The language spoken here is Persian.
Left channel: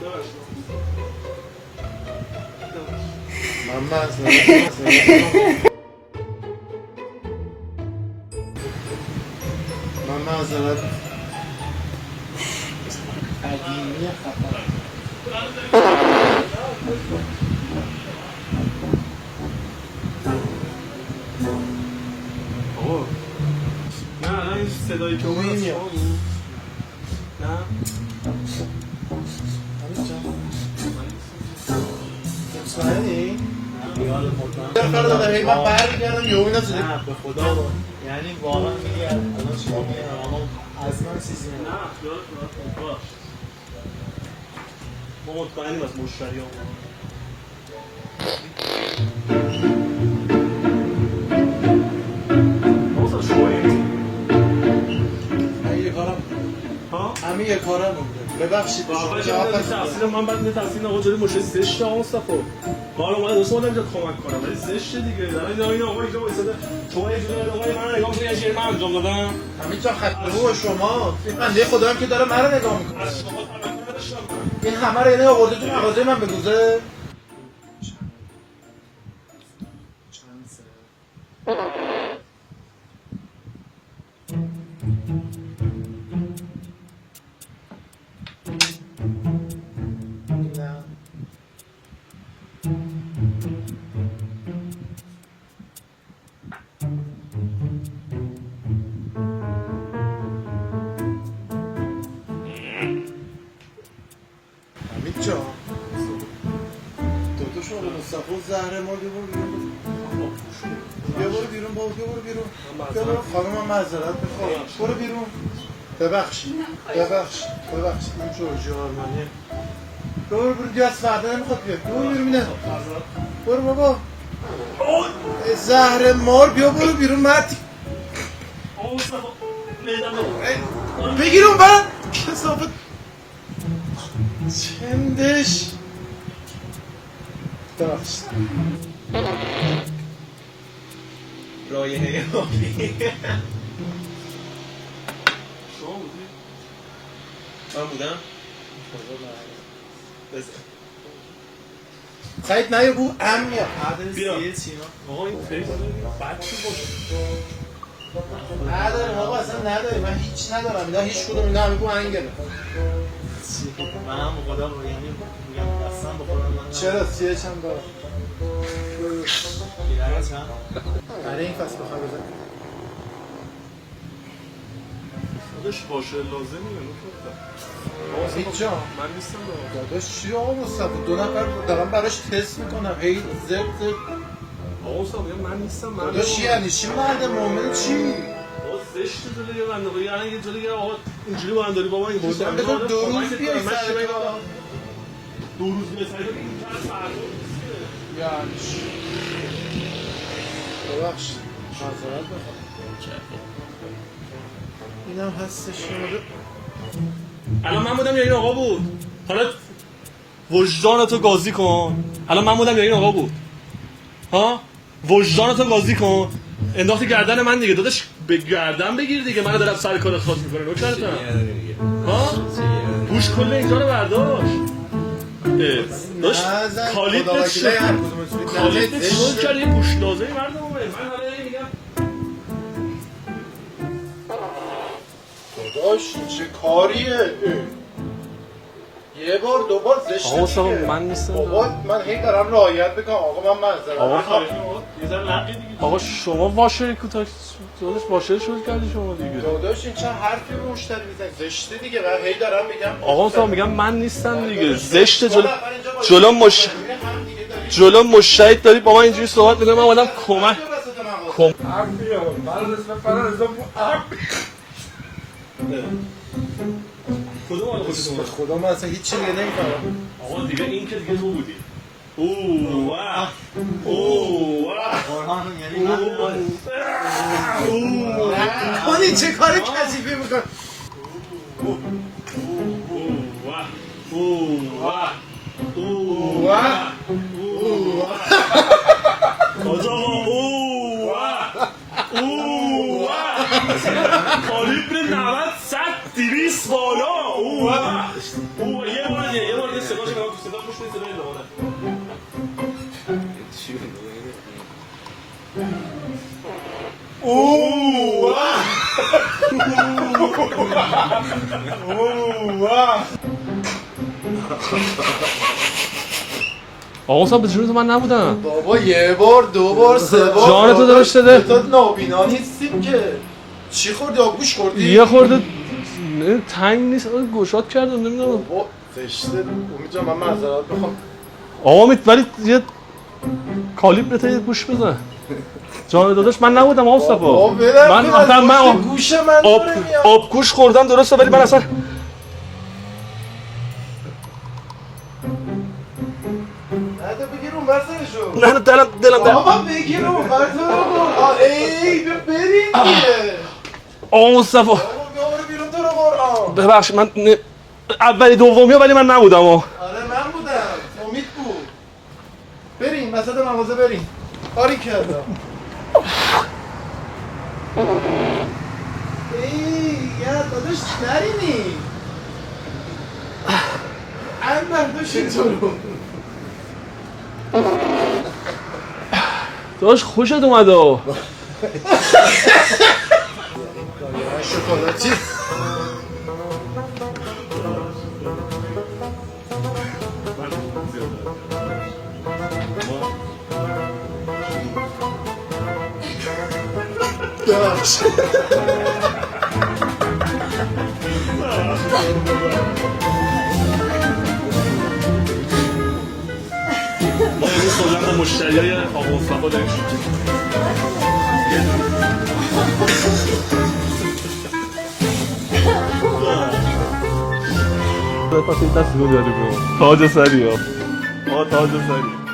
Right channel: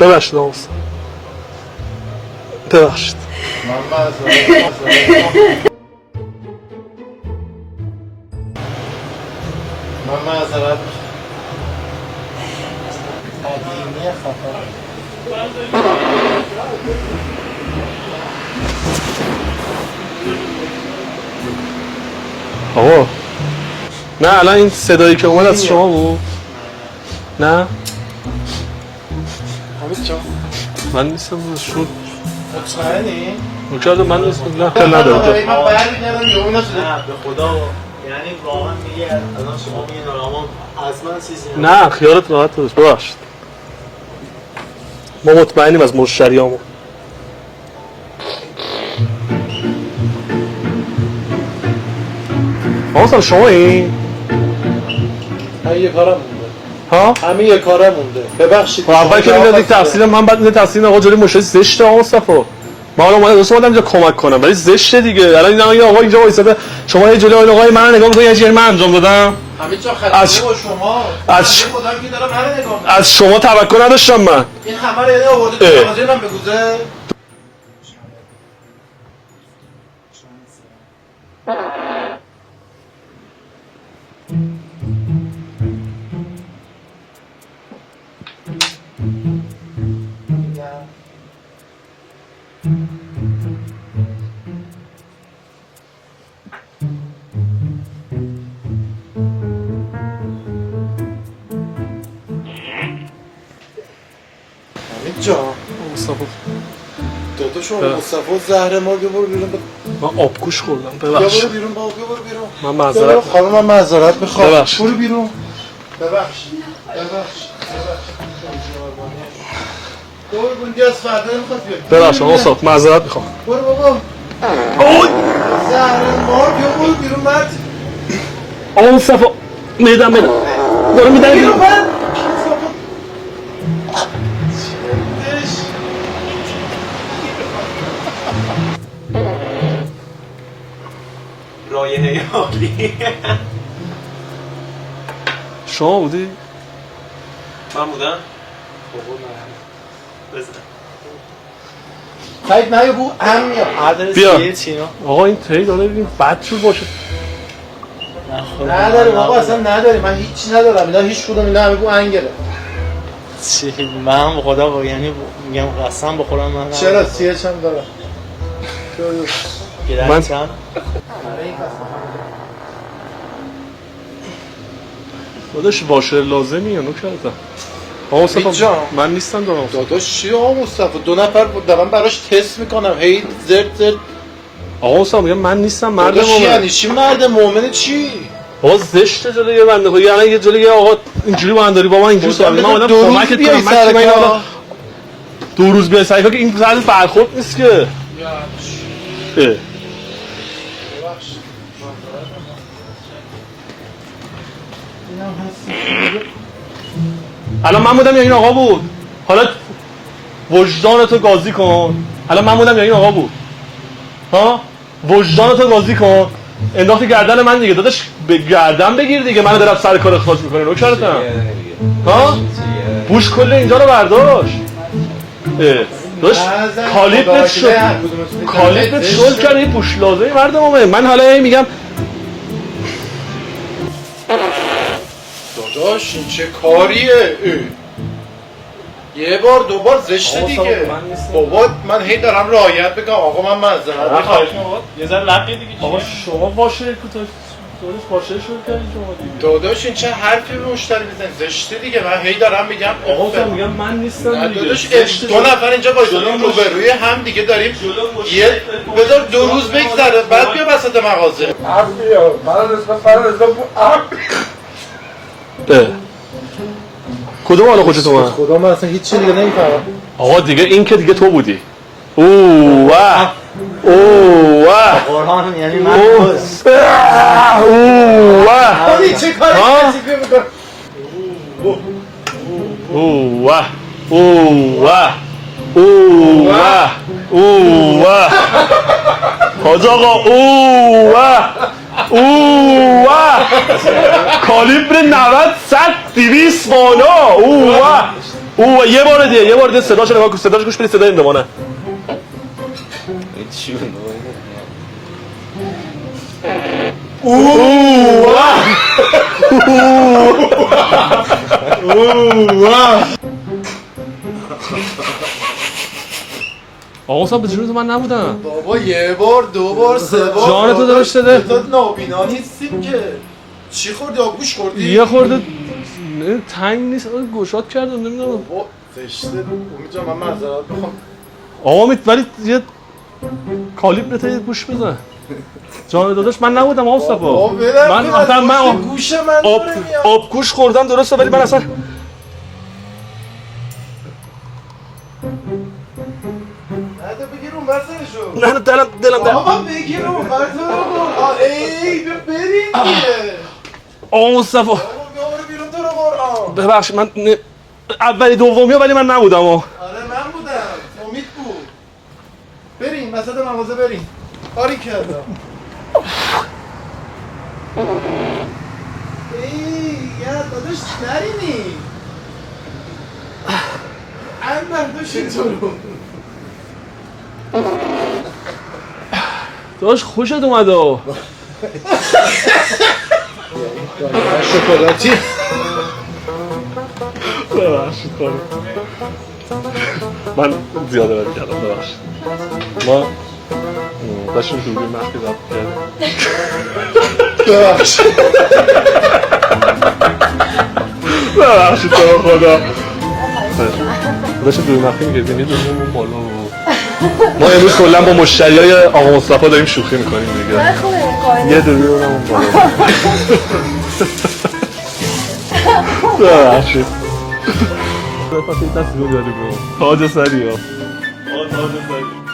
ببخشید آقا ببخشید من معذرت تقییمی خفا آقا نه الان این صدایی که اومد از شما بود؟ نه؟ حمید جان من نیستم شد مطمئنی؟ مکرد من نیستم نه خیلی ندارم من برمیگردم یه اون نه به خدا یعنی واقعا میگه الان شما میگه نارامان از من چیزی نه خیالت راحت باش ببخشید ما مطمئنیم از مشتریامون آقا شما این؟ من یه کارم ها؟ همین یه کارم مونده ببخشید اول که میدادی تحصیل من بعد میده تحصیل آقا جلوی مشتری زشته آقا مصطفی ما الان اومدم اینجا کمک کنم ولی زشته دیگه الان این آقا اینجا وایساده شما یه جلوی آقای من نگاه می‌کنید یه من انجام دادم همین چون خلاصی با شما از خدا هم که دارم منو نگاه می‌کنه از شما توقع نداشتم من این همه رو یعنی آورده تو مغازه من بگوزه جان مصطفی داداش مصطفی زهر ما بیا برو بیرون من آبگوش خوردم بیا ببخشید برو بیرون بابا بیا برو بیرون من معذرت خانم من معذرت میخوام ببخشید. برو بیرون ببخشید برو بیرون دیگه از فردا نمیخواد بیاد ببخشید آقا مصطفی معذرت میخوام برو بابا زهر مار بیا برو بیرون مرد آقا مصطفی میدم دارم میدم بیرون من چندش رایحه عالی شما بودی؟ من بودم سعید من یه بو هم میاد بیا آقا این تی داره این بد شد باشه نداریم آقا اصلا نداریم من هیچی ندارم اینا هیچ کدوم اینا همه بو انگله چی من به خدا یعنی میگم قسم بخورم من چرا سیه چم دارم من چند داداش واشر لازمی یا نو کردم آقا مصطفی جان. من نیستم دارم داداش چی آقا مصطفی 2 نفر بود دارم براش تست میکنم هی زرد آقا مصطفی میگم من نیستم مرد داداش مومن یعنی چی مرد مؤمن چی آقا زشته جلوی یه بنده خدا یعنی یه جلوی یه آقا اینجوری با من داری با من اینجوری صحبت من اومدم کمکت کنم من چی حالا 2 روز بیای سعی کن که این طرز برخورد نیست که الان من بودم یا این آقا بود حالا وجدانتو قاضی کن الان من بودم یا این آقا بود ها وجدانتو قاضی کن انداختی گردن من دیگه داداش به گردن بگیر دیگه من دارم سر کار اخراج میکنه نوکرتم ها بوش کل اینجا رو برداشت داداش کالیپت شد کالیپت شد کرد این بوش لازمه مرد مومن من حالا میگم داداش این چه کاریه یه بار 2 بار زشته دیگه بابا من هی دارم رعایت بگم آقا من معذرت خواهش یه ذره لقی دیگه آقا شما باشه داداش باشه شد کردی شما دیگه داداش این چه حرفی به مشتری میزنی زشته دیگه من هی دارم میگم آقا میگم من نیستم دیگه داداش زشته 2 نفر اینجا با جلو روی هم دیگه داریم جلو مشتری داری بابا بذار اینجوری 2 روز بگذره بعد بیا وسط مغازه کدوم حالا خوشت اومد خدا من اصلا هیچ چیزی دیگه نمیفهمم آقا دیگه این که دیگه تو بودی اوه واه اوه واه واقعا یعنی من آدی چه کاری کسیفی میکنم حاج آقا کالیبر 90 100 200 بالا یه بار دیگه صداش نگاه کن صداش گوش بدید صدای این دمانه آقا صاحب به جون تو من نبودم بابا یه بار دو بار سه بار جان تو درش داده تو نابینا نیستیم که چی خوردی آبگوش خوردی؟ یه خورده تنگ نیست گشاد کردم نمیدونم بابا زشته امید جان من معذرت میخوام آقا امید ولی یه کالیبرت یه گوش بزن جان داداش من نبودم آقا صفا من اصلا من گوش من آبگوش خوردم درسته ولی من اصلا نده بگیر اون برسنشو نه دلم بابا بگیر اون برسنشو ای بریم دیگه آقا صفا بابا بیامونه بیرون تو رو قرآن ببخشید من اولی دومی ولی من نبودم آره من بودم امید بود بریم وسط مغازه بریم کاری کردم ای یا داداش نرینی این برداشت اینطورو داداش خوشت اومده شکلاتی من زیاده باید کردم ببخشید ما داشتیم جوری مخی ببخشید تو رو خدا داشتیم جوری مخی میگردیم یه داریم اون بالا ما امروز کلا با مشتری های آقا مصطفی داریم شوخی میکنیم دیگه یه داری اون بالا ببخشید پس این دستی رو داریم تاج سری ها تاج سری